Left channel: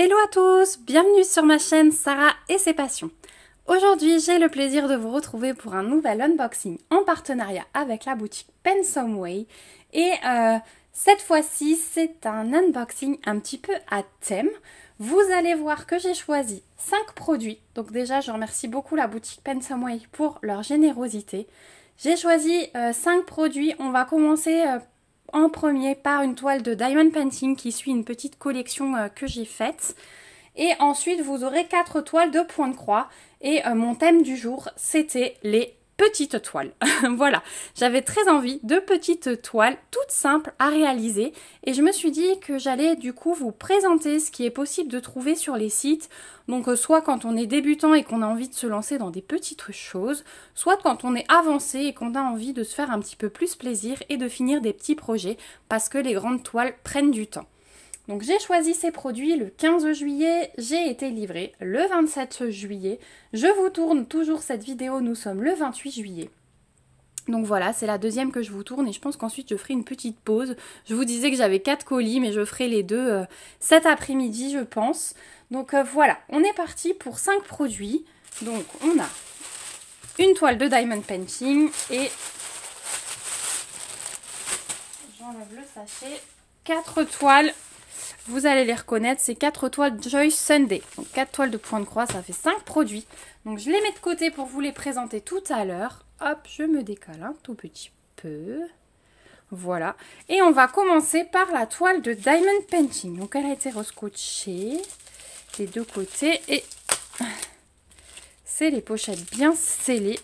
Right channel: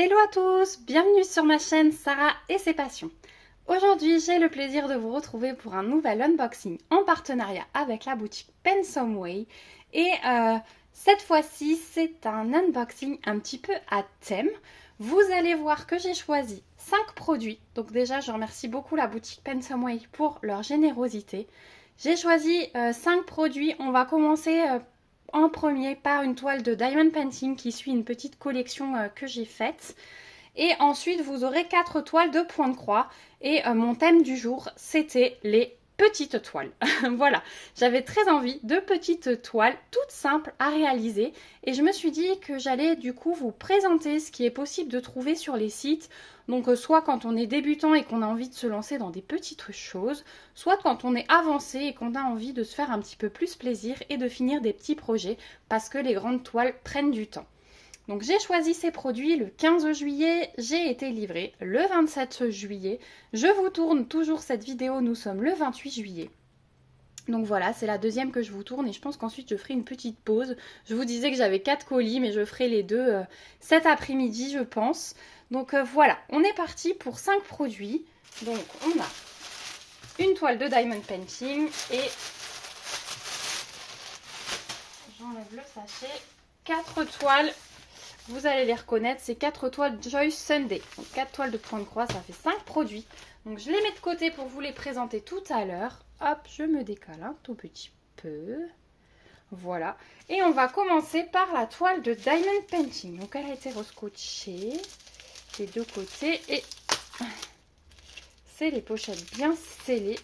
Hello à tous, bienvenue sur ma chaîne Sarah et ses passions. Aujourd'hui j'ai le plaisir de vous retrouver pour un nouvel unboxing en partenariat avec la boutique Pen Some Way. Et cette fois-ci c'est un unboxing un petit peu à thème. Vous allez voir que j'ai choisi 5 produits. Donc déjà je remercie beaucoup la boutique Pen Some Way pour leur générosité. J'ai choisi 5 produits, on va commencer en premier par une toile de Diamond Painting qui suit une petite collection que j'ai faite. Et ensuite vous aurez 4 toiles de point de croix. Et mon thème du jour c'était les petites toiles. Voilà, j'avais très envie de petites toiles toutes simples à réaliser. Et je me suis dit que j'allais du coup vous présenter ce qui est possible de trouver sur les sites. Donc soit quand on est débutant et qu'on a envie de se lancer dans des petites choses, soit quand on est avancé et qu'on a envie de se faire un petit peu plus plaisir et de finir des petits projets parce que les grandes toiles prennent du temps. Donc j'ai choisi ces produits le 15 juillet, j'ai été livrée le 27 juillet. Je vous tourne toujours cette vidéo, nous sommes le 28 juillet. Donc voilà, c'est la deuxième que je vous tourne et je pense qu'ensuite je ferai une petite pause. Je vous disais que j'avais 4 colis mais je ferai les deux cet après-midi je pense. Donc voilà, on est parti pour 5 produits. Donc on a une toile de Diamond Painting et j'enlève le sachet. 4 toiles, vous allez les reconnaître, c'est 4 toiles Joy Sunday. Donc 4 toiles de point de croix, ça fait 5 produits. Donc je les mets de côté pour vous les présenter tout à l'heure. Hop, je me décale un tout petit peu. Voilà. Et on va commencer par la toile de Diamond Painting. Donc elle a été rescotchée des deux côtés et c'est les pochettes bien scellées.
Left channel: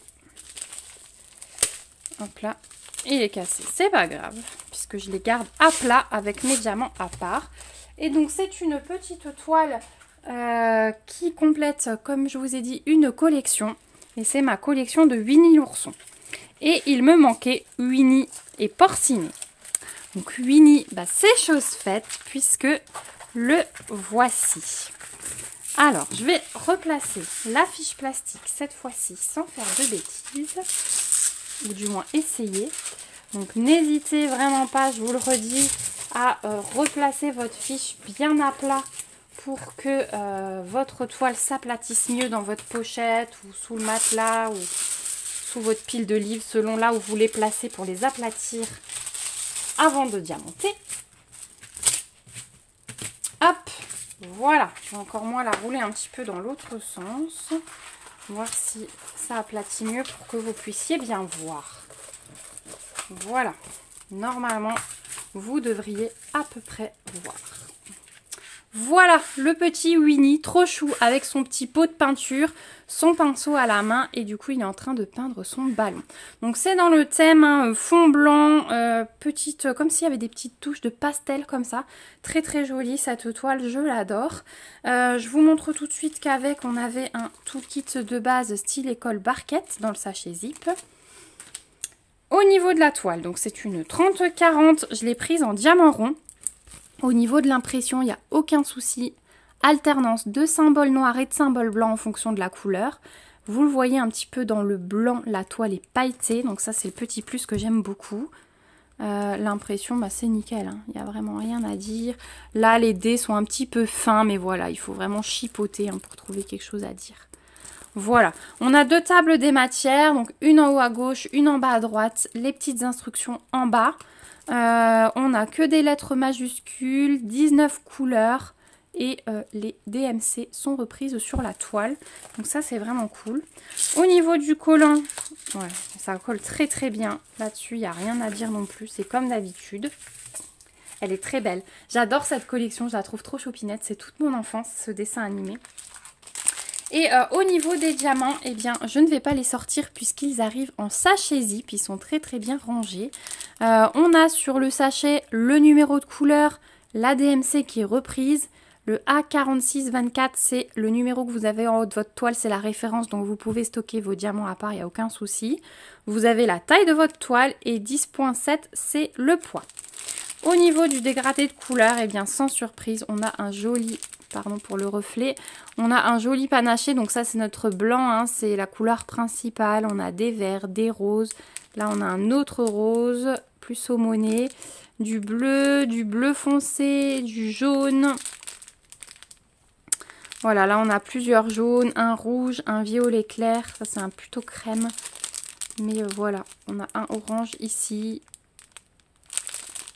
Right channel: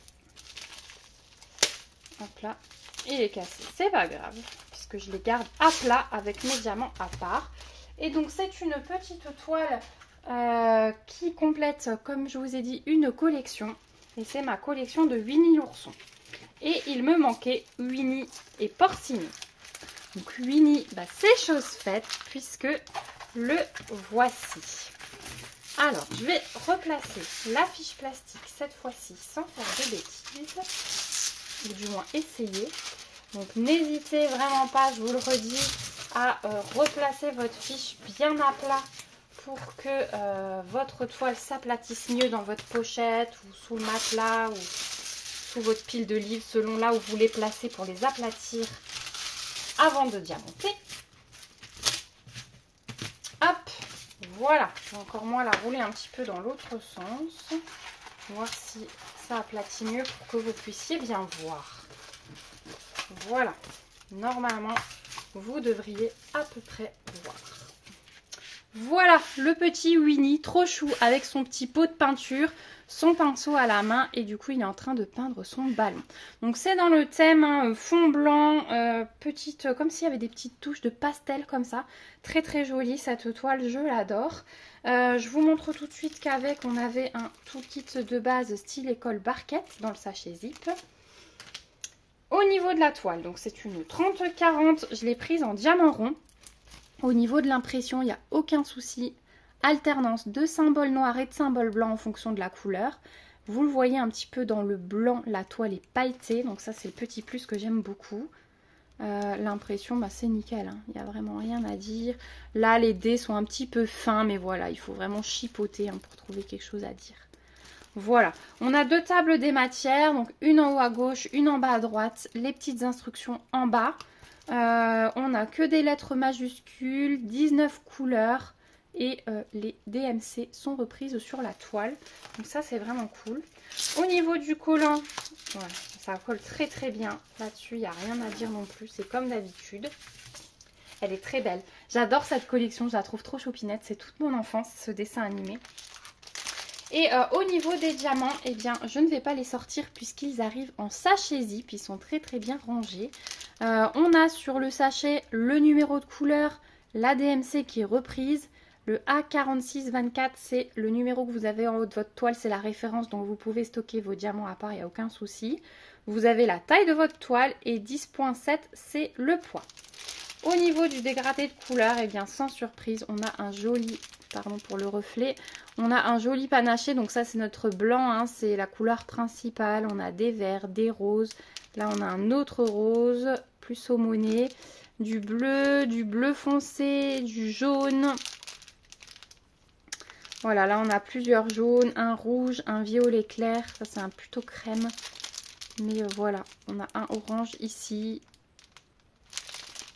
Hop là, il est cassé, c'est pas grave puisque je les garde à plat avec mes diamants à part. Et donc c'est une petite toile qui complète, comme je vous ai dit, une collection. Et c'est ma collection de Winnie l'ourson. Et il me manquait Winnie et Porcini. Donc Winnie, bah, c'est chose faite puisque le voici. Alors, je vais replacer la fiche plastique cette fois-ci sans faire de bêtises. Ou du moins essayer. Donc, n'hésitez vraiment pas, je vous le redis, à replacer votre fiche bien à plat pour que votre toile s'aplatisse mieux dans votre pochette ou sous le matelas ou sous votre pile de livres, selon là où vous les placez pour les aplatir avant de diamanter. Hop! Voilà, je vais encore moins la rouler un petit peu dans l'autre sens. Voir si ça aplatit mieux pour que vous puissiez bien voir. Voilà, normalement, vous devriez à peu près voir. Voilà, le petit Winnie, trop chou, avec son petit pot de peinture, son pinceau à la main et du coup, il est en train de peindre son ballon. Donc, c'est dans le thème hein, fond blanc, petite, comme s'il y avait des petites touches de pastel comme ça. Très très jolie cette toile, je l'adore. Je vous montre tout de suite qu'avec, on avait un toolkit de base style école barquette dans le sachet zip. Au niveau de la toile, donc c'est une 30-40, je l'ai prise en diamant rond. Au niveau de l'impression, il n'y a aucun souci. Alternance de symboles noirs et de symboles blancs en fonction de la couleur. Vous le voyez un petit peu dans le blanc, la toile est pailletée. Donc ça, c'est le petit plus que j'aime beaucoup. L'impression, bah, c'est nickel. Hein. Il n'y a vraiment rien à dire. Là, les dés sont un petit peu fins, mais voilà, il faut vraiment chipoter hein, pour trouver quelque chose à dire. Voilà, on a 2 tables des matières. Donc une en haut à gauche, une en bas à droite. Les petites instructions en bas. On n'a que des lettres majuscules, 19 couleurs et les DMC sont reprises sur la toile. Donc ça c'est vraiment cool. Au niveau du collant, ouais, ça colle très très bien. Là-dessus, il n'y a rien à dire non plus, c'est comme d'habitude. Elle est très belle. J'adore cette collection, je la trouve trop chopinette. C'est toute mon enfance, ce dessin animé. Et au niveau des diamants, eh bien, je ne vais pas les sortir puisqu'ils arrivent en sachet zip. Ils sont très très bien rangés. On a sur le sachet le numéro de couleur, la DMC qui est reprise. Le A4624, c'est le numéro que vous avez en haut de votre toile, c'est la référence. Donc vous pouvez stocker vos diamants à part, il n'y a aucun souci. Vous avez la taille de votre toile et 10.7, c'est le poids. Au niveau du dégradé de couleur, eh bien, sans surprise, on a un joli... Pardon pour le reflet. On a un joli panaché, donc ça c'est notre blanc, hein, c'est la couleur principale. On a des verts, des roses. Là on a un autre rose, plus saumoné, du bleu foncé, du jaune. Voilà, là on a plusieurs jaunes, un rouge, un violet clair. Ça c'est un plutôt crème. Mais voilà, on a un orange ici.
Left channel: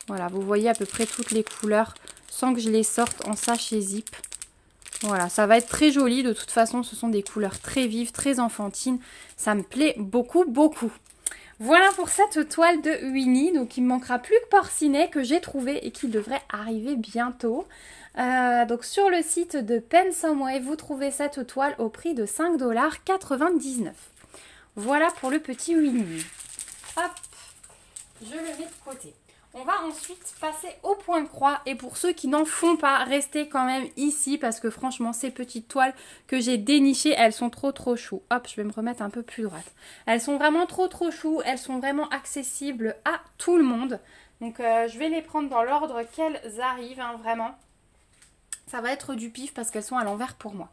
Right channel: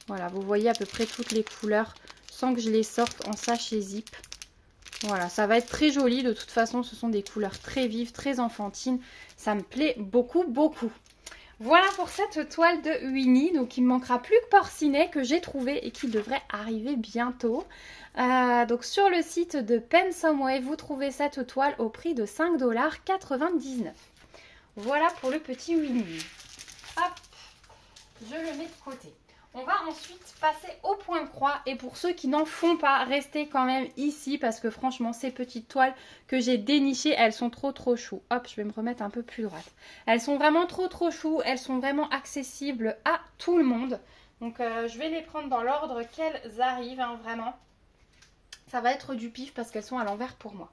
Voilà, vous voyez à peu près toutes les couleurs sans que je les sorte en sachet zip. Voilà, ça va être très joli. De toute façon, ce sont des couleurs très vives, très enfantines. Ça me plaît beaucoup, beaucoup. Voilà pour cette toile de Winnie. Donc, il ne me manquera plus que Porcinet que j'ai trouvé et qui devrait arriver bientôt. Donc, sur le site de Pensomeway, vous trouvez cette toile au prix de 5,99 $. Voilà pour le petit Winnie. Hop, je le mets de côté. On va ensuite passer au point de croix et pour ceux qui n'en font pas, restez quand même ici parce que franchement ces petites toiles que j'ai dénichées, elles sont trop chou. Hop, je vais me remettre un peu plus droite. Elles sont vraiment trop chou, elles sont vraiment accessibles à tout le monde. Donc je vais les prendre dans l'ordre qu'elles arrivent, hein, vraiment. Ça va être du pif parce qu'elles sont à l'envers pour moi.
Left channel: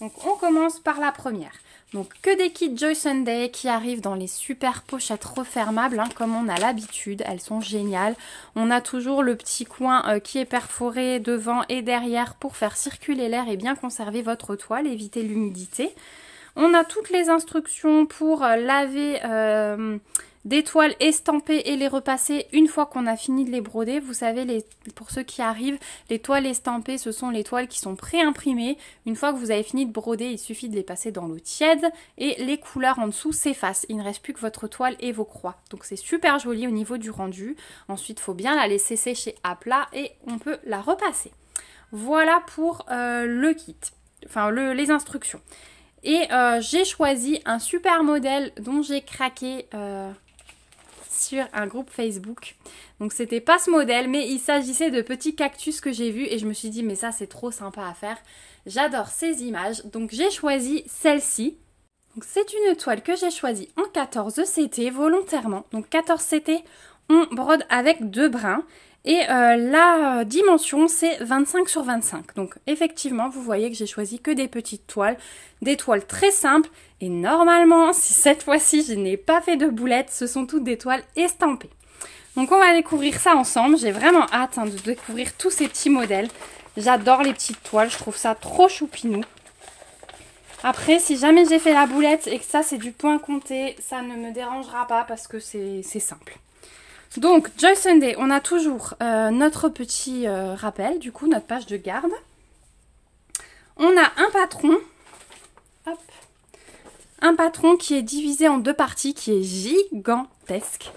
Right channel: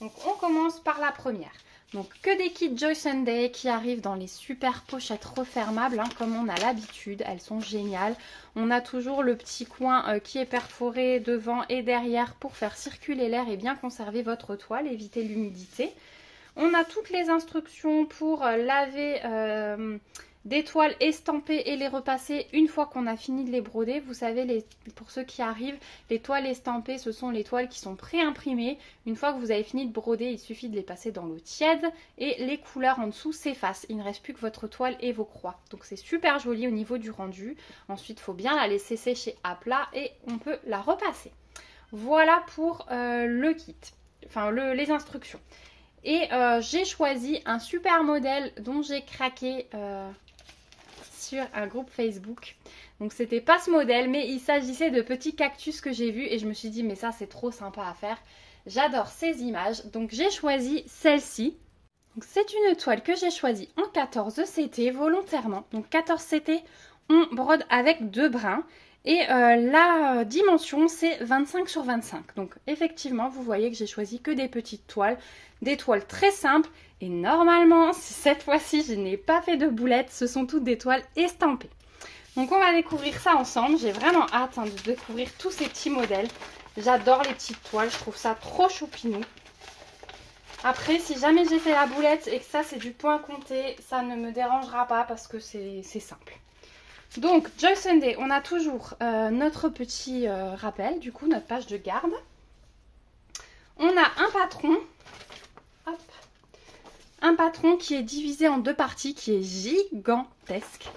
Donc on commence par la première. Donc que des kits Joy Sunday qui arrivent dans les super pochettes refermables, hein, comme on a l'habitude. Elles sont géniales. On a toujours le petit coin qui est perforé devant et derrière pour faire circuler l'air et bien conserver votre toile, éviter l'humidité. On a toutes les instructions pour laver des toiles estampées et les repasser une fois qu'on a fini de les broder. Vous savez, pour ceux qui arrivent, les toiles estampées, ce sont les toiles qui sont pré-imprimées. Une fois que vous avez fini de broder, il suffit de les passer dans l'eau tiède et les couleurs en dessous s'effacent. Il ne reste plus que votre toile et vos croix. Donc c'est super joli au niveau du rendu. Ensuite, il faut bien la laisser sécher à plat et on peut la repasser. Voilà pour le kit, enfin les instructions. Et j'ai choisi un super modèle dont j'ai craqué sur un groupe Facebook. Donc c'était pas ce modèle, mais il s'agissait de petits cactus que j'ai vus et je me suis dit mais ça c'est trop sympa à faire. J'adore ces images, donc j'ai choisi celle-ci. Donc c'est une toile que j'ai choisie en 14 CT volontairement. Donc 14 CT, on brode avec 2 brins. Et la dimension c'est 25 sur 25. Donc effectivement vous voyez que j'ai choisi que des petites toiles. Des toiles très simples. Et normalement, si cette fois-ci je n'ai pas fait de boulettes, ce sont toutes des toiles estampées. Donc on va découvrir ça ensemble. J'ai vraiment hâte de découvrir tous ces petits modèles. J'adore les petites toiles, je trouve ça trop choupinou. Après, si jamais j'ai fait la boulette et que ça c'est du point compté, ça ne me dérangera pas parce que c'est simple. Donc, Joy Sunday, on a toujours notre petit rappel, du coup, notre page de garde. On a un patron. Hop. Un patron qui est divisé en 2 parties, qui est gigantesque.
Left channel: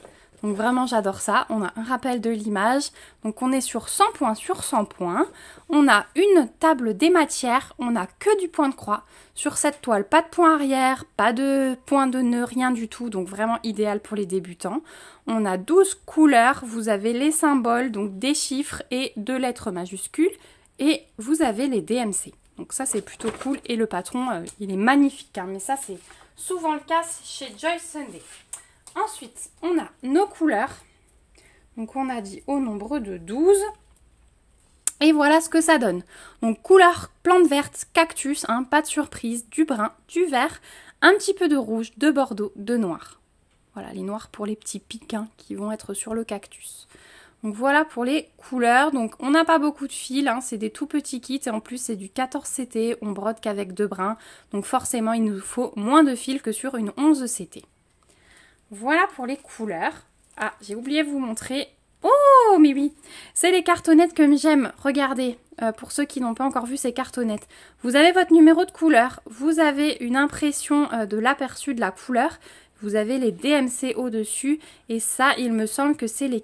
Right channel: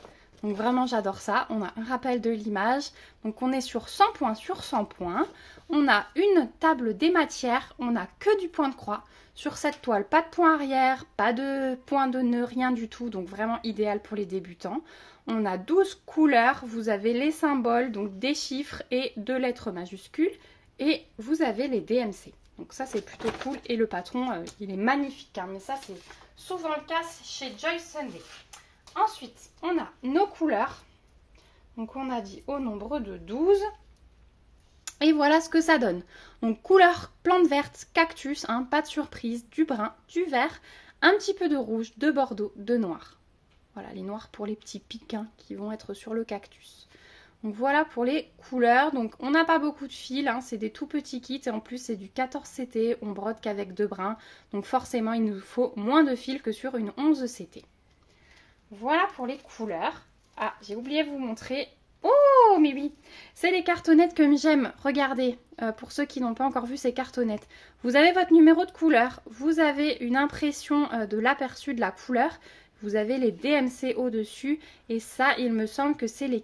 Donc vraiment, j'adore ça. On a un rappel de l'image. Donc on est sur 100 points sur 100 points. On a une table des matières. On n'a que du point de croix. Sur cette toile, pas de point arrière, pas de point de nœud, rien du tout. Donc vraiment idéal pour les débutants. On a 12 couleurs. Vous avez les symboles, donc des chiffres et 2 lettres majuscules. Et vous avez les DMC. Donc ça c'est plutôt cool et le patron il est magnifique, hein, mais ça c'est souvent le cas chez Joy Sunday. Ensuite on a nos couleurs, donc on a dit au nombre de 12 et voilà ce que ça donne. Donc couleur plante verte, cactus, hein, pas de surprise, du brun, du vert, un petit peu de rouge, de bordeaux, de noir. Voilà les noirs pour les petits pics hein, qui vont être sur le cactus. Donc voilà pour les couleurs. Donc on n'a pas beaucoup de fils, hein, c'est des tout petits kits et en plus c'est du 14 CT, on brode qu'avec 2 brins. Donc forcément il nous faut moins de fils que sur une 11 CT. Voilà pour les couleurs. Ah, j'ai oublié de vous montrer. Oh mais oui, c'est les cartonnettes que j'aime. Regardez, pour ceux qui n'ont pas encore vu ces cartonnettes. Vous avez votre numéro de couleur, vous avez une impression de l'aperçu de la couleur. Vous avez les DMC au-dessus et ça, il me semble que c'est les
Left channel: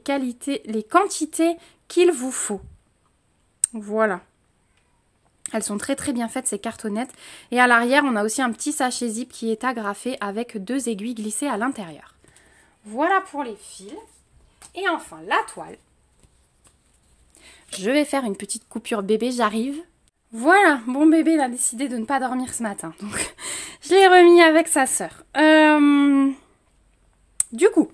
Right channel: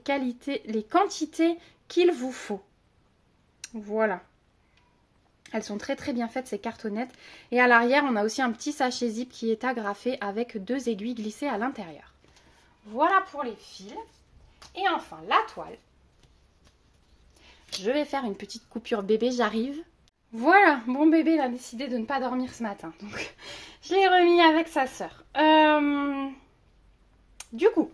quantités qu'il vous faut. Voilà. Elles sont très très bien faites ces cartonnettes. Et à l'arrière, on a aussi un petit sachet zip qui est agrafé avec 2 aiguilles glissées à l'intérieur. Voilà pour les fils. Et enfin, la toile. Je vais faire une petite coupure bébé, j'arrive. Voilà, mon bébé a décidé de ne pas dormir ce matin. Donc, je l'ai remis avec sa sœur. Du coup,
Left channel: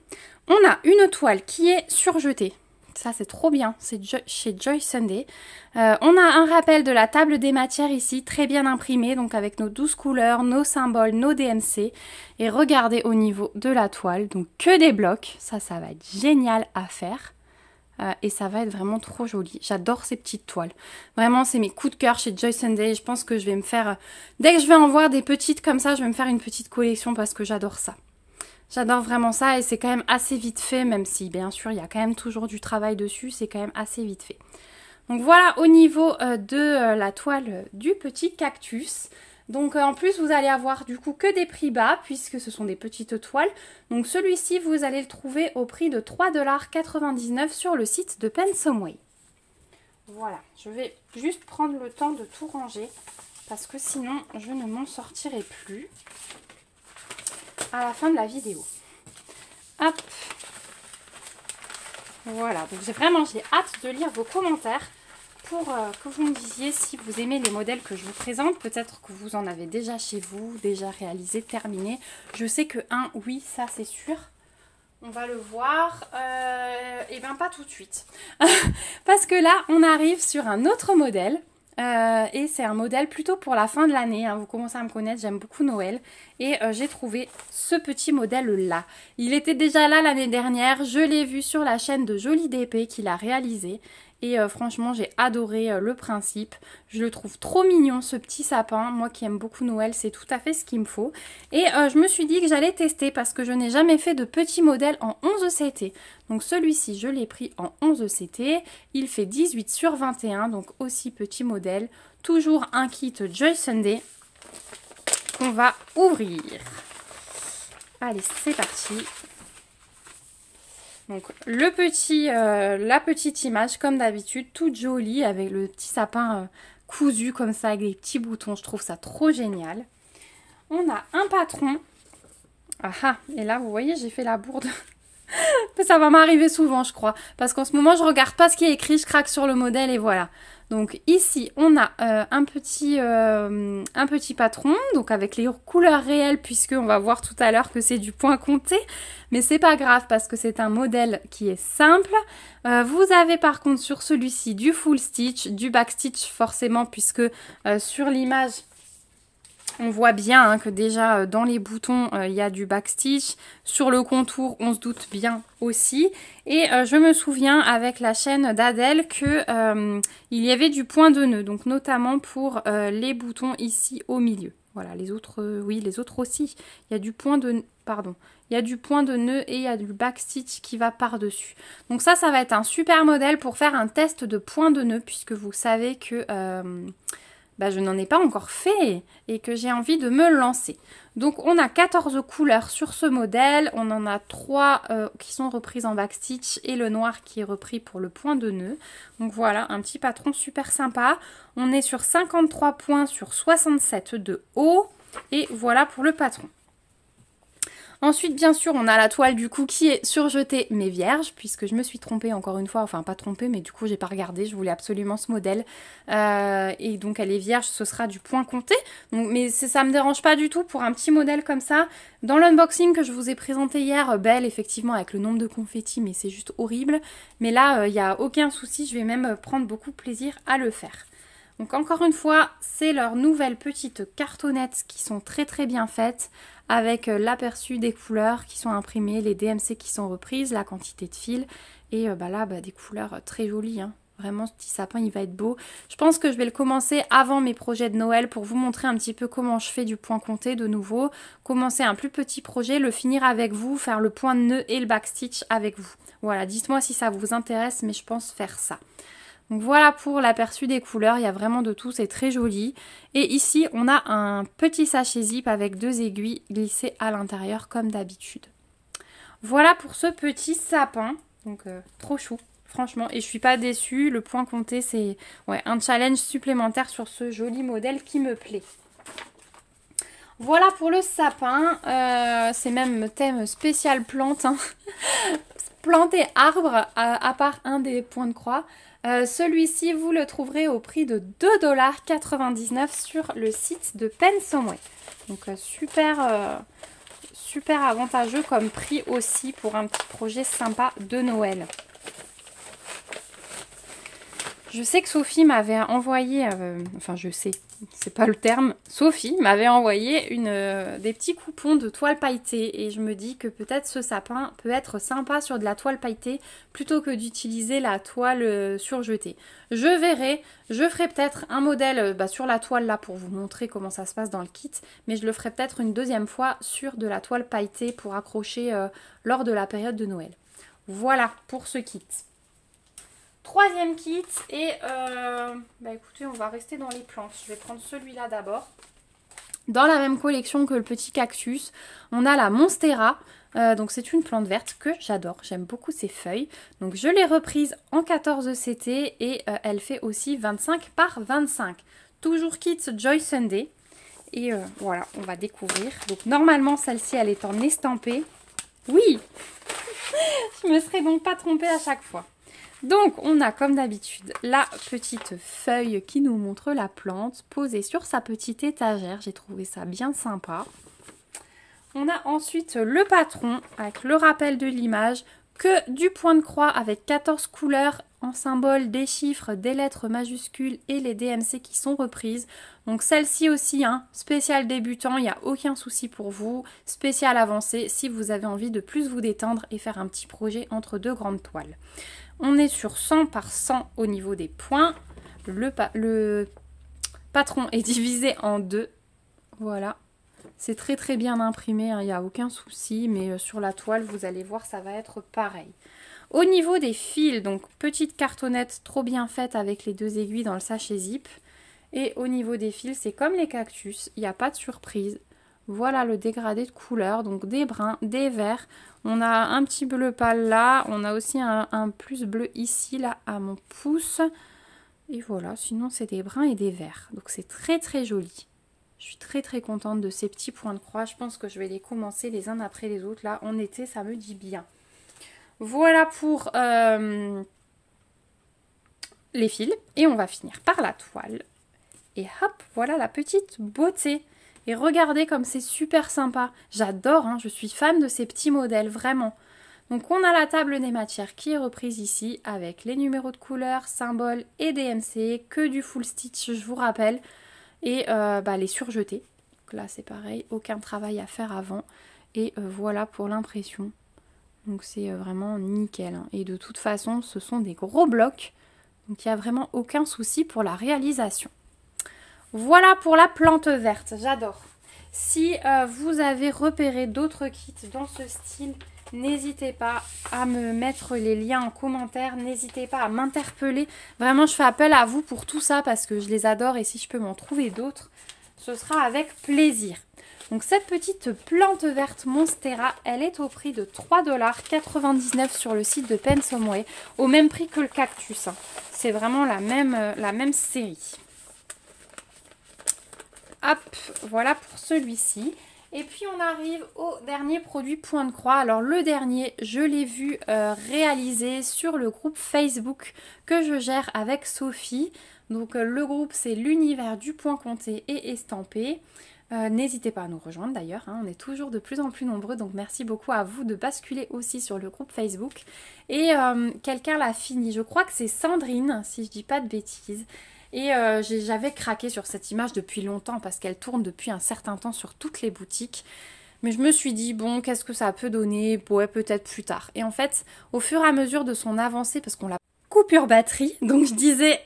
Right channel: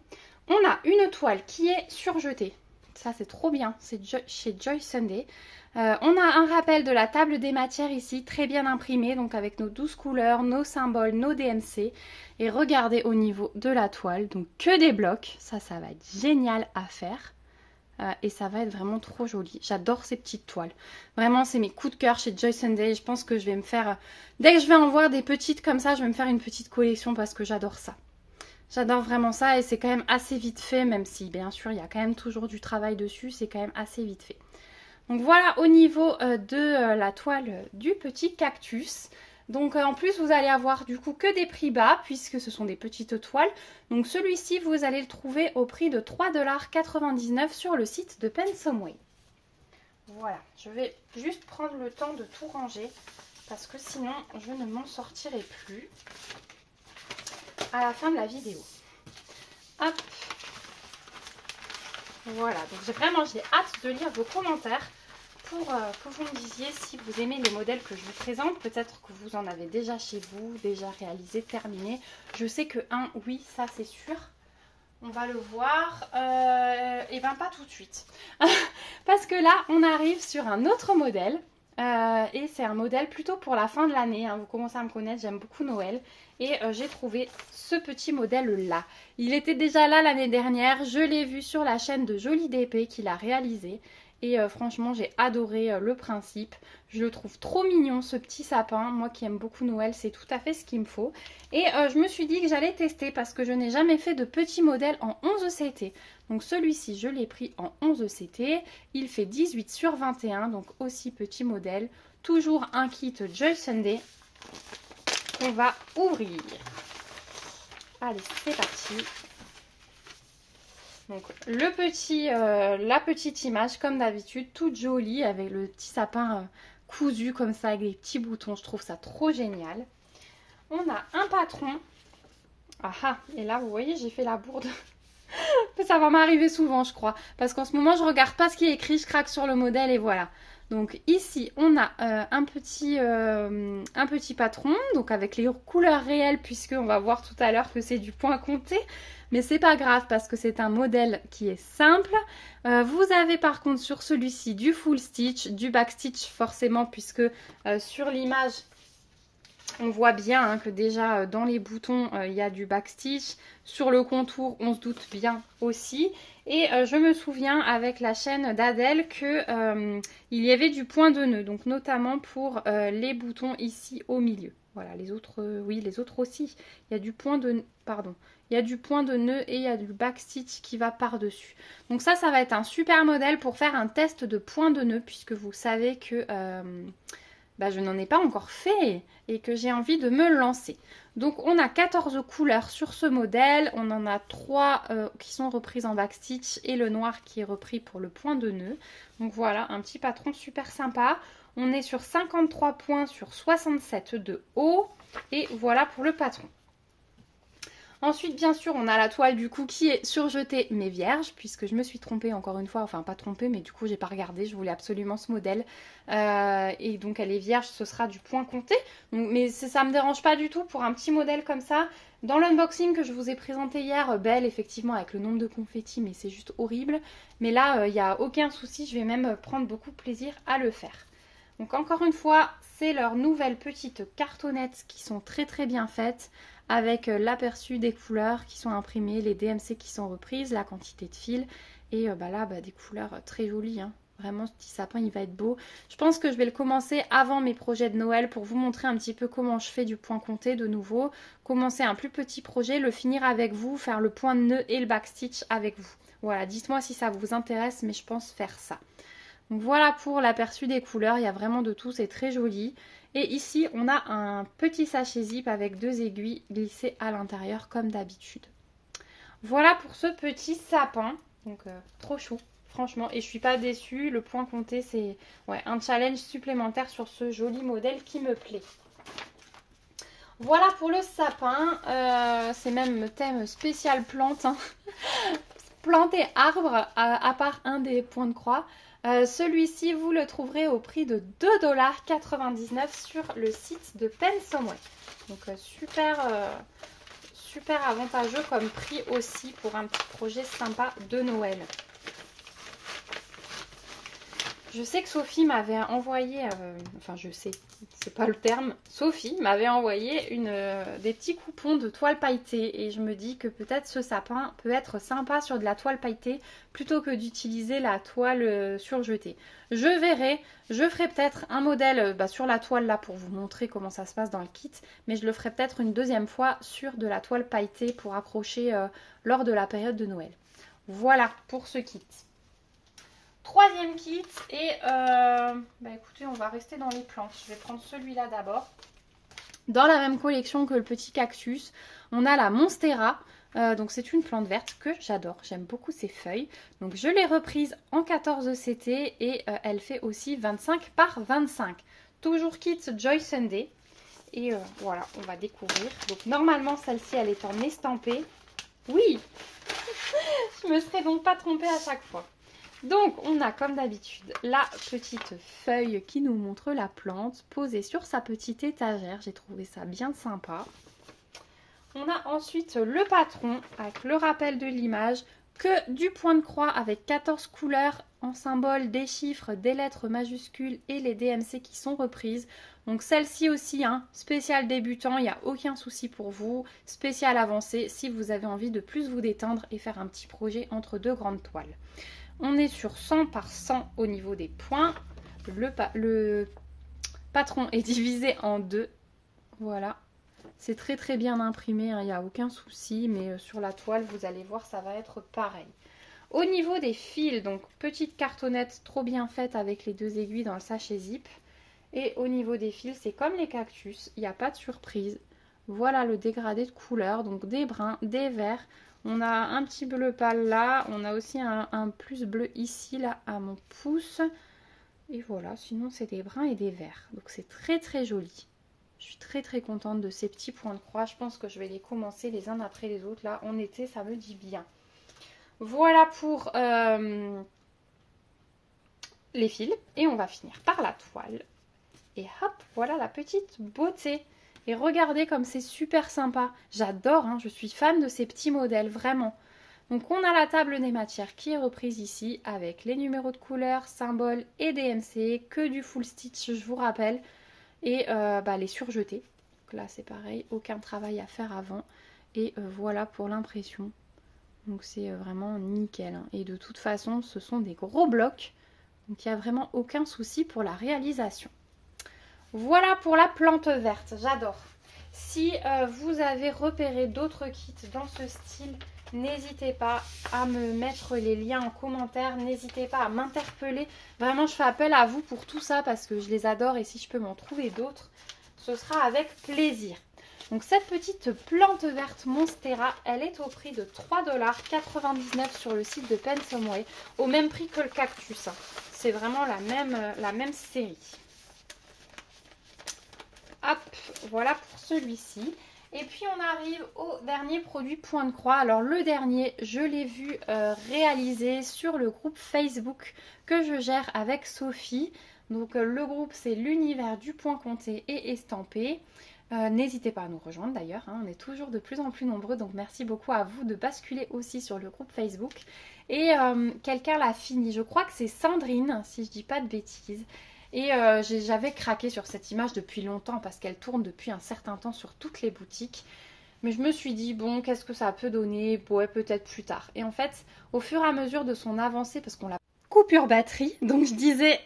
on a une toile qui est surjetée. Ça, c'est trop bien. C'est chez Joy Sunday. On a un rappel de la table des matières ici, très bien imprimé. Donc, avec nos 12 couleurs, nos symboles, nos DMC. Et regardez au niveau de la toile. Donc, que des blocs. Ça va être génial à faire. et ça va être vraiment trop joli. J'adore ces petites toiles. Vraiment, c'est mes coups de cœur chez Joy Sunday. Je pense que je vais me faire... Dès que je vais en voir des petites comme ça, je vais me faire une petite collection parce que j'adore ça. J'adore vraiment ça et c'est quand même assez vite fait, même si bien sûr il y a quand même toujours du travail dessus, c'est quand même assez vite fait. Donc voilà au niveau de la toile du petit cactus. Donc en plus vous allez avoir du coup que des prix bas puisque ce sont des petites toiles. Donc celui-ci vous allez le trouver au prix de 3,99 $ sur le site de Pensomeway. Voilà, je vais juste prendre le temps de tout ranger parce que sinon je ne m'en sortirai plus à la fin de la vidéo. Hop. Voilà, donc j'ai hâte de lire vos commentaires pour que vous me disiez si vous aimez les modèles que je vous présente. Peut-être que vous en avez déjà chez vous, déjà réalisé, terminé. Je sais que oui, ça c'est sûr. On va le voir. Et ben pas tout de suite. Parce que là, on arrive sur un autre modèle. Et c'est un modèle plutôt pour la fin de l'année, hein. Vous commencez à me connaître, j'aime beaucoup Noël. Et j'ai trouvé ce petit modèle là. Il était déjà là l'année dernière, je l'ai vu sur la chaîne de Jolie DP qu'il a réalisé. Et franchement j'ai adoré le principe. Je le trouve trop mignon ce petit sapin. Moi qui aime beaucoup Noël, c'est tout à fait ce qu'il me faut. Et je me suis dit que j'allais tester parce que je n'ai jamais fait de petit modèle en 11 CT. Donc celui-ci je l'ai pris en 11 CT. Il fait 18 sur 21, donc aussi petit modèle. Toujours un kit Joy Sunday qu'on va ouvrir. Allez, c'est parti. Donc la petite image comme d'habitude, toute jolie avec le petit sapin cousu comme ça avec des petits boutons. Je trouve ça trop génial. On a un patron. Ah, et là vous voyez j'ai fait la bourde. Ça va m'arriver souvent je crois. Parce qu'en ce moment je regarde pas ce qui est écrit, je craque sur le modèle et voilà. Donc ici on a un petit patron, donc avec les couleurs réelles puisque on va voir tout à l'heure que c'est du point compté. Mais c'est pas grave parce que c'est un modèle qui est simple. Vous avez par contre sur celui-ci du full stitch, du back stitch forcément puisque sur l'image on voit bien hein, que déjà dans les boutons il y a du back stitch. Sur le contour on se doute bien aussi. Et je me souviens avec la chaîne d'Adèle que il y avait du point de nœud, donc notamment pour les boutons ici au milieu. Voilà, les autres, oui, les autres aussi. Il y a du point de, pardon, il y a du point de nœud et il y a du back stitch qui va par-dessus. Donc ça va être un super modèle pour faire un test de point de nœud puisque vous savez que je n'en ai pas encore fait et que j'ai envie de me lancer. Donc on a 14 couleurs sur ce modèle, on en a 3 qui sont reprises en back stitch et le noir qui est repris pour le point de nœud. Donc voilà, un petit patron super sympa. On est sur 53 points sur 67 de haut et voilà pour le patron. Ensuite, bien sûr, on a la toile du coup qui est surjetée mais vierge, puisque je me suis trompée encore une fois, enfin pas trompée, mais du coup j'ai pas regardé, je voulais absolument ce modèle. Et donc elle est vierge, ce sera du point compté. Donc, mais ça me dérange pas du tout pour un petit modèle comme ça. Dans l'unboxing que je vous ai présenté hier, belle effectivement avec le nombre de confettis, mais c'est juste horrible. Mais là, il n'y a aucun souci, je vais même prendre beaucoup de plaisir à le faire. Donc encore une fois, c'est leurs nouvelles petites cartonnettes qui sont très très bien faites, avec l'aperçu des couleurs qui sont imprimées, les DMC qui sont reprises, la quantité de fil et là des couleurs très jolies. Hein. Vraiment ce petit sapin il va être beau. Je pense que je vais le commencer avant mes projets de Noël pour vous montrer un petit peu comment je fais du point compté de nouveau. Commencer un plus petit projet, le finir avec vous, faire le point de nœud et le back stitch avec vous. Voilà, dites-moi si ça vous intéresse mais je pense faire ça. Donc voilà pour l'aperçu des couleurs, il y a vraiment de tout, c'est très joli. Et ici, on a un petit sachet zip avec 2 aiguilles glissées à l'intérieur comme d'habitude. Voilà pour ce petit sapin, donc trop chou, franchement. Et je suis pas déçue, le point compté, c'est un challenge supplémentaire sur ce joli modèle qui me plaît. Voilà pour le sapin, c'est même thème spécial plante, hein. Plante et arbre, à part un des points de croix. Celui-ci, vous le trouverez au prix de 2,99 $ sur le site de Pensomeway. Donc super avantageux comme prix aussi pour un petit projet sympa de Noël. Je sais que Sophie m'avait envoyé, enfin je sais, c'est pas le terme, Sophie m'avait envoyé des petits coupons de toile pailletée et je me dis que peut-être ce sapin peut être sympa sur de la toile pailletée plutôt que d'utiliser la toile surjetée. Je verrai, je ferai peut-être un modèle sur la toile là pour vous montrer comment ça se passe dans le kit, mais je le ferai peut-être une deuxième fois sur de la toile pailletée pour accrocher lors de la période de Noël. Voilà pour ce kit. Troisième kit et écoutez, on va rester dans les plantes. Je vais prendre celui-là d'abord. Dans la même collection que le petit cactus, on a la Monstera. Donc c'est une plante verte que j'adore. J'aime beaucoup ses feuilles. Donc je l'ai reprise en 14 CT et elle fait aussi 25 par 25. Toujours kit Joy Sunday. Et voilà, on va découvrir. Donc normalement celle-ci elle est en estampé. Oui. Je me serais donc pas trompée à chaque fois. Donc, on a comme d'habitude la petite feuille qui nous montre la plante posée sur sa petite étagère. J'ai trouvé ça bien sympa. On a ensuite le patron avec le rappel de l'image, que du point de croix avec 14 couleurs en symbole des chiffres, des lettres majuscules et les DMC qui sont reprises. Donc celle-ci aussi, spécial débutant, il n'y a aucun souci pour vous. Spécial avancé si vous avez envie de plus vous détendre et faire un petit projet entre deux grandes toiles. On est sur 100 par 100 au niveau des points. Le patron est divisé en deux. Voilà. C'est très très bien imprimé, il n'y a aucun souci. Mais sur la toile, vous allez voir, ça va être pareil. Au niveau des fils, donc petite cartonnette trop bien faite avec les deux aiguilles dans le sachet zip. Et au niveau des fils, c'est comme les cactus, il n'y a pas de surprise. Voilà le dégradé de couleurs, donc des bruns, des verts. On a un petit bleu pâle là, on a aussi un plus bleu ici, là, à mon pouce. Et voilà, sinon c'est des bruns et des verts. Donc c'est très très joli. Je suis très très contente de ces petits points de croix. Je pense que je vais les commencer les uns après les autres. Là, en été, ça me dit bien. Voilà pour les fils. Et on va finir par la toile. Et hop, voilà la petite beauté. Et regardez comme c'est super sympa. J'adore, je suis fan de ces petits modèles, vraiment. Donc on a la table des matières qui est reprise ici avec les numéros de couleurs, symboles et DMC, que du full stitch, je vous rappelle. Et les surjetés. Donc là c'est pareil, aucun travail à faire avant. Et voilà pour l'impression. Donc c'est vraiment nickel. Et de toute façon, ce sont des gros blocs. Donc il n'y a vraiment aucun souci pour la réalisation. Voilà pour la plante verte, j'adore. Si vous avez repéré d'autres kits dans ce style, n'hésitez pas à me mettre les liens en commentaire, n'hésitez pas à m'interpeller. Vraiment, je fais appel à vous pour tout ça parce que je les adore et si je peux m'en trouver d'autres, ce sera avec plaisir. Donc cette petite plante verte Monstera, elle est au prix de 3,99 € sur le site de Pensomeway, au même prix que le cactus. C'est vraiment la même série. Hop, voilà pour celui-ci. Et puis on arrive au dernier produit point de croix. Alors le dernier, je l'ai vu réalisé sur le groupe Facebook que je gère avec Sophie. Donc le groupe c'est l'univers du point compté et estampé. N'hésitez pas à nous rejoindre d'ailleurs, on est toujours de plus en plus nombreux. Donc merci beaucoup à vous de basculer aussi sur le groupe Facebook. Et quelqu'un l'a fini, je crois que c'est Sandrine si je dis pas de bêtises. Et j'avais craqué sur cette image depuis longtemps parce qu'elle tourne depuis un certain temps sur toutes les boutiques. Mais je me suis dit, bon, qu'est-ce que ça peut donner? Ouais, peut-être plus tard. Et en fait, au fur et à mesure de son avancée, parce qu'on l'a coupure batterie, donc je disais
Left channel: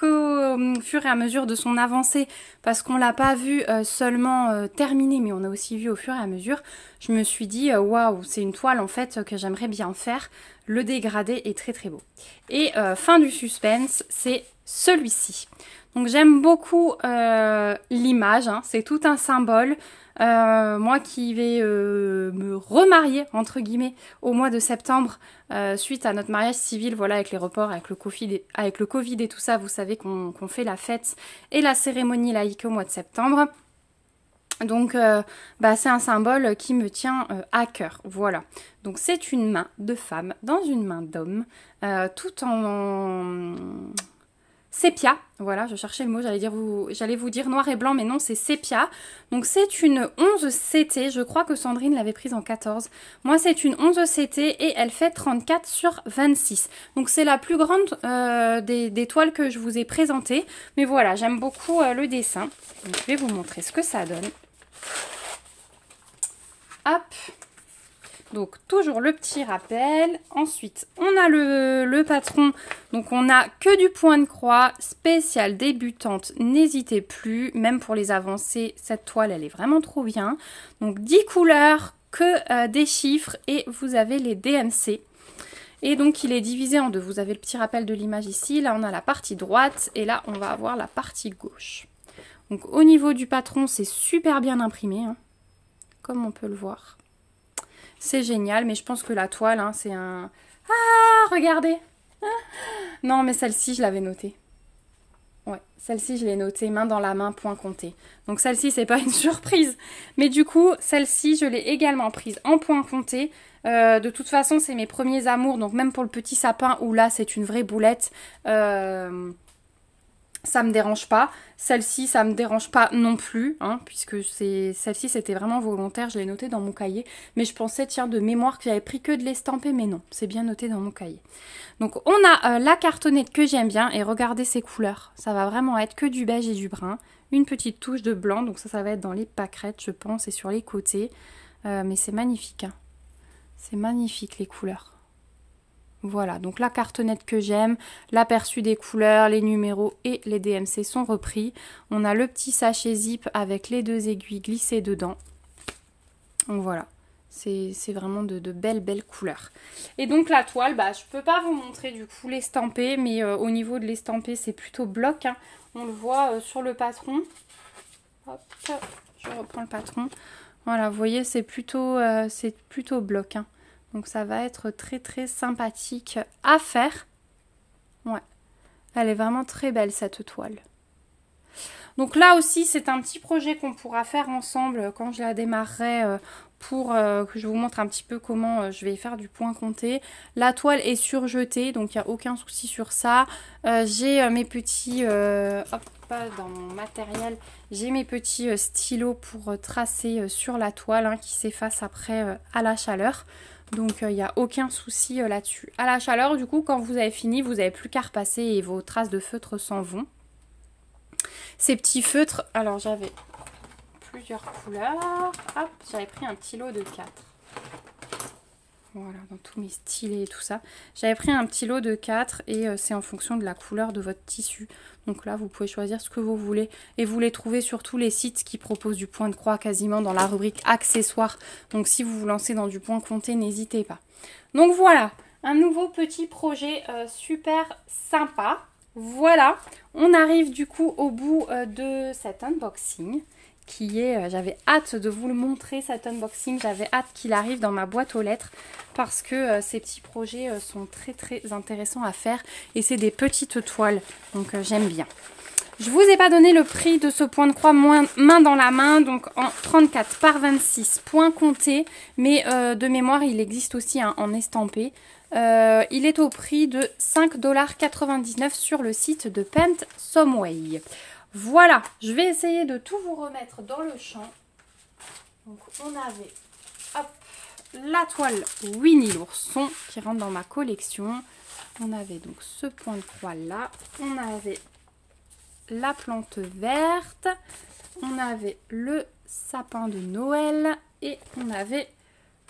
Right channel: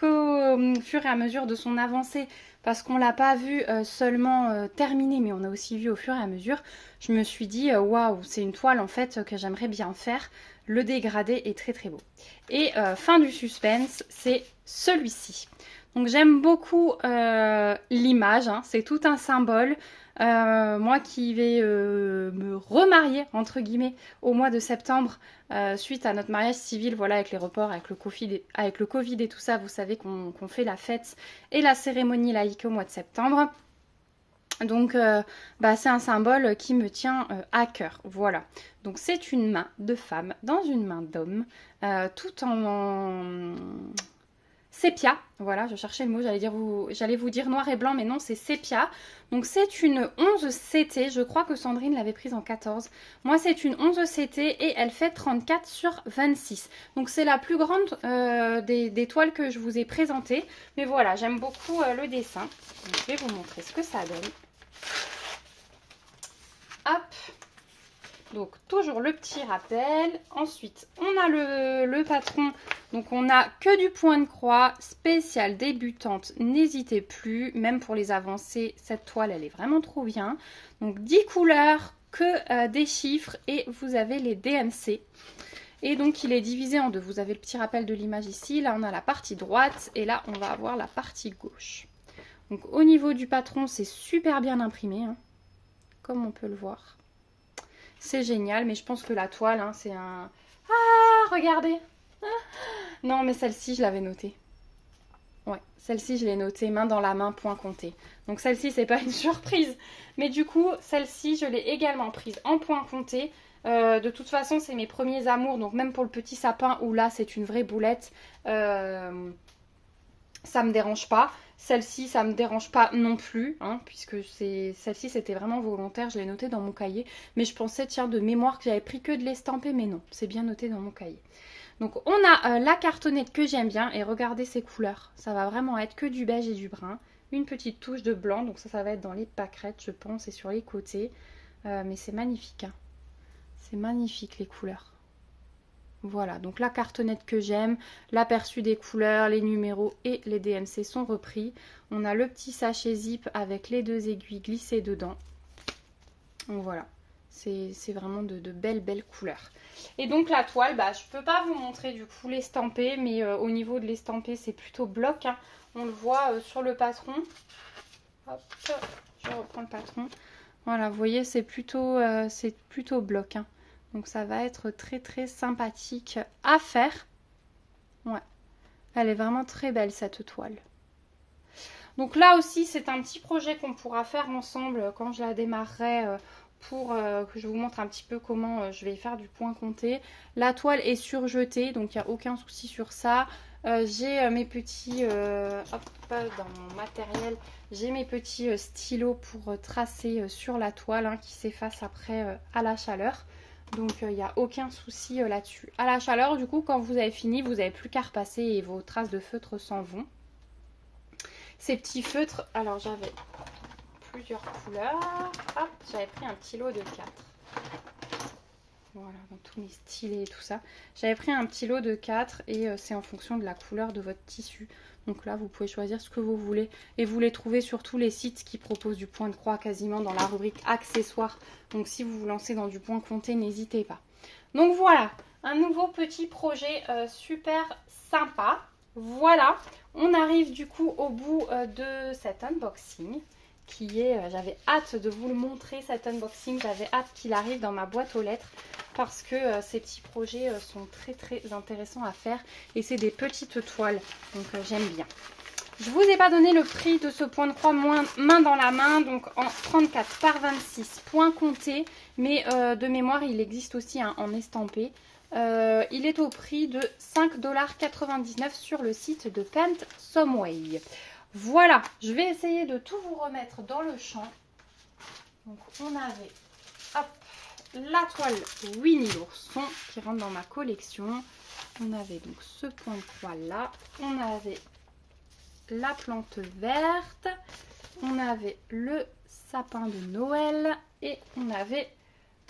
qu'au fur et à mesure de son avancée, parce qu'on l'a pas vu seulement terminer, mais on a aussi vu au fur et à mesure, je me suis dit, waouh, c'est une toile en fait que j'aimerais bien faire. Le dégradé est très très beau. Et fin du suspense, c'est celui-ci. Donc j'aime beaucoup l'image, c'est tout un symbole. Moi qui vais me remarier entre guillemets au mois de septembre suite à notre mariage civil, voilà, avec les reports, avec le Covid et tout ça, vous savez qu'on fait la fête et la cérémonie laïque au mois de septembre. Donc c'est un symbole qui me tient à cœur, voilà. Donc c'est une main de femme dans une main d'homme, tout en sépia. Voilà, je cherchais le mot, j'allais vous dire noir et blanc, mais non, c'est sépia. Donc c'est une 11 CT, je crois que Sandrine l'avait prise en 14. Moi c'est une 11 CT et elle fait 34 sur 26. Donc c'est la plus grande des toiles que je vous ai présentées. Mais voilà, j'aime beaucoup le dessin. Donc, je vais vous montrer ce que ça donne. Hop. Donc toujours le petit rappel. Ensuite on a le patron. Donc on a que du point de croix spécial débutante. N'hésitez plus, même pour les avancées, cette toile elle est vraiment trop bien. Donc 10 couleurs, que des chiffres et vous avez les DMC. Et donc il est divisé en deux. Vous avez le petit rappel de l'image ici. Là on a la partie droite et là on va avoir la partie gauche. Donc au niveau du patron c'est super bien imprimé, hein, comme on peut le voir. C'est génial, mais je pense que la toile, hein, c'est un... Ah, regardez. Non, mais celle-ci, je l'avais notée. Ouais, celle-ci, je l'ai notée main dans la main, point compté. Donc celle-ci, c'est pas une surprise. Mais du coup, celle-ci, je l'ai également prise en point compté. De toute façon, c'est mes premiers amours. Donc même pour le petit sapin, où là, c'est une vraie boulette, ça me dérange pas. Celle-ci, ça me dérange pas non plus, hein, puisque celle-ci, c'était vraiment volontaire. Je l'ai noté dans mon cahier. Mais je pensais, tiens, de mémoire que j'avais pris que de l'estampé, mais non, c'est bien noté dans mon cahier. Donc, on a la cartonnette que j'aime bien. Et regardez ces couleurs. Ça va vraiment être que du beige et du brun. Une petite touche de blanc. Donc ça va être dans les pâquerettes, je pense, et sur les côtés. Mais c'est magnifique, hein. C'est magnifique, les couleurs. Voilà, donc la cartonnette que j'aime, l'aperçu des couleurs, les numéros et les DMC sont repris. On a le petit sachet zip avec les deux aiguilles glissées dedans. Donc voilà, c'est vraiment de belles couleurs. Et donc la toile, bah, je ne peux pas vous montrer du coup l'estampé, mais au niveau de l'estampé, c'est plutôt bloc, hein. On le voit sur le patron. Hop, je reprends le patron. Voilà, vous voyez, c'est plutôt bloc, hein. Donc ça va être très sympathique à faire. Ouais, elle est vraiment très belle cette toile. Donc là aussi c'est un petit projet qu'on pourra faire ensemble quand je la démarrerai pour que je vous montre un petit peu comment je vais faire du point compté. La toile est surjetée donc il n'y a aucun souci sur ça. J'ai mes petits, dans mon matériel, j'ai mes petits stylos pour tracer sur la toile, hein, qui s'effacent après à la chaleur. Donc il n'y a aucun souci là-dessus. À la chaleur, du coup, quand vous avez fini, vous n'avez plus qu'à repasser et vos traces de feutre s'en vont. Ces petits feutres, alors j'avais plusieurs couleurs. Hop, j'avais pris un petit lot de 4. Voilà, dans tous mes stylés et tout ça. J'avais pris un petit lot de 4 et c'est en fonction de la couleur de votre tissu. Donc là, vous pouvez choisir ce que vous voulez. Et vous les trouvez sur tous les sites qui proposent du point de croix quasiment dans la rubrique accessoires. Donc si vous vous lancez dans du point compté, n'hésitez pas. Donc voilà, un nouveau petit projet super sympa. Voilà, on arrive du coup au bout de cet unboxing. J'avais hâte de vous le montrer, cet unboxing. J'avais hâte qu'il arrive dans ma boîte aux lettres. Parce que ces petits projets sont très intéressants à faire. Et c'est des petites toiles. Donc j'aime bien. Je vous ai pas donné le prix de ce point de croix main dans la main. Donc en 34 par 26 point compté. Mais de mémoire il existe aussi en estampé. Il est au prix de 5,99 $ sur le site de Paint Someway. Voilà, je vais essayer de tout vous remettre dans le champ. Donc on avait... Hop, la toile Winnie l'ourson qui rentre dans ma collection. On avait donc ce point de croix là. On avait la plante verte. On avait le sapin de Noël. Et on avait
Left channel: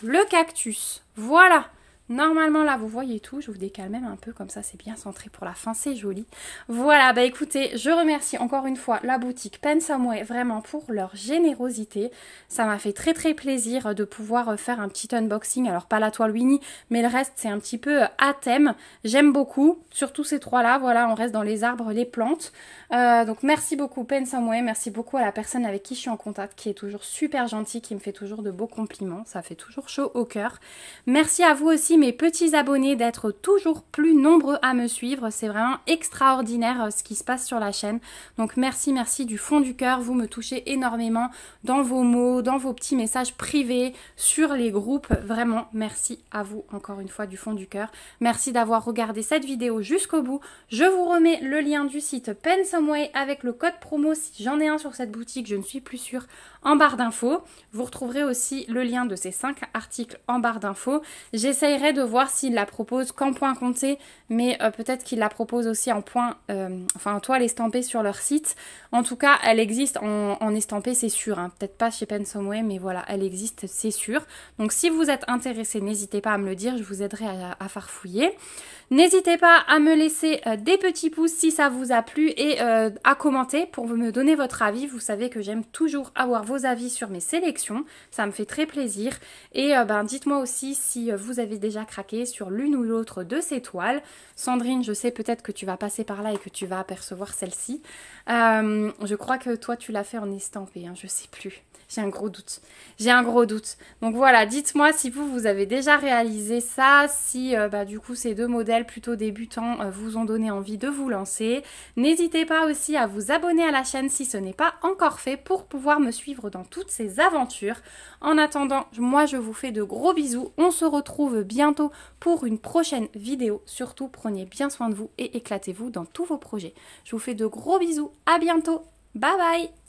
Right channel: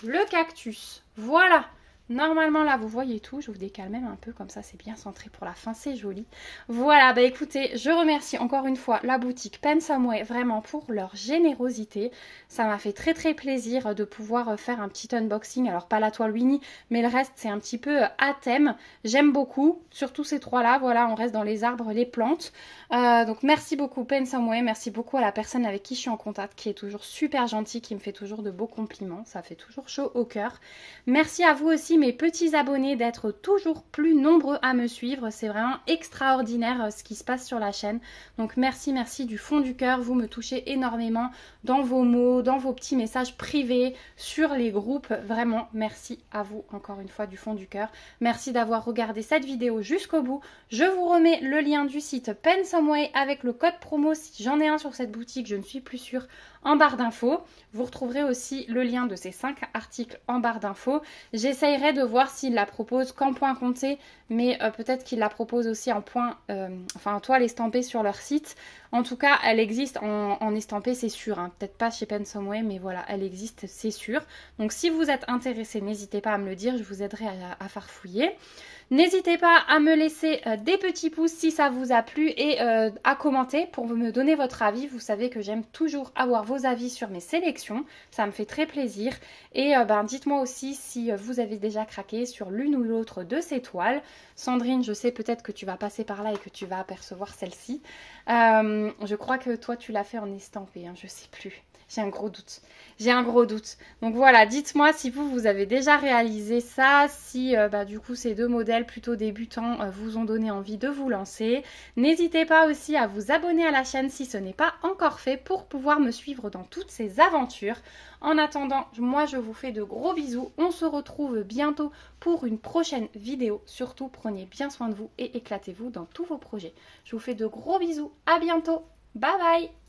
le cactus. Voilà. Normalement là vous voyez tout, je vous décale même un peu comme ça, c'est bien centré pour la fin, c'est joli. Voilà, bah écoutez, je remercie encore une fois la boutique Paint Someway vraiment pour leur générosité. Ça m'a fait très plaisir de pouvoir faire un petit unboxing, alors pas la toile Winnie, mais le reste c'est un petit peu à thème. J'aime beaucoup, surtout ces trois là, voilà, on reste dans les arbres, les plantes. Donc merci beaucoup Pensomeway, merci beaucoup à la personne avec qui je suis en contact, qui est toujours super gentille, qui me fait toujours de beaux compliments, ça fait toujours chaud au cœur. Merci à vous aussi mes petits abonnés d'être toujours plus nombreux à me suivre, c'est vraiment extraordinaire ce qui se passe sur la chaîne. Donc merci du fond du cœur, vous me touchez énormément dans vos mots, dans vos petits messages privés, sur les groupes, vraiment merci à vous encore une fois du fond du cœur. Merci d'avoir regardé cette vidéo jusqu'au bout, je vous remets le lien du site Pensomeway avec le code promo si j'en ai un sur cette boutique, je ne suis plus sûre, en barre d'infos. Vous retrouverez aussi le lien de ces 5 articles en barre d'infos. J'essayerai de voir s'il la propose qu'en point compté, mais peut-être qu'il la propose aussi en point, en toile estampée sur leur site. En tout cas, elle existe en estampé, c'est sûr. Hein. Peut-être pas chez Pensomeway, mais voilà, elle existe, c'est sûr. Donc si vous êtes intéressé, n'hésitez pas à me le dire, je vous aiderai à farfouiller. N'hésitez pas à me laisser des petits pouces si ça vous a plu et à commenter pour me donner votre avis. Vous savez que j'aime toujours avoir vos avis sur mes sélections, ça me fait très plaisir. Et dites-moi aussi si vous avez déjà craqué sur l'une ou l'autre de ces toiles. Sandrine, je sais peut-être que tu vas passer par là et que tu vas apercevoir celle-ci. Je crois que toi tu l'as fait en estampé, hein, je sais plus. J'ai un gros doute. J'ai un gros doute. Donc voilà, dites-moi si vous avez déjà réalisé ça, si du coup ces deux modèles plutôt débutants vous ont donné envie de vous lancer. N'hésitez pas aussi à vous abonner à la chaîne si ce n'est pas encore fait pour pouvoir me suivre dans toutes ces aventures. En attendant, moi je vous fais de gros bisous. On se retrouve bientôt pour une prochaine vidéo. Surtout, prenez bien soin de vous et éclatez-vous dans tous vos projets. Je vous fais de gros bisous. À bientôt. Bye bye.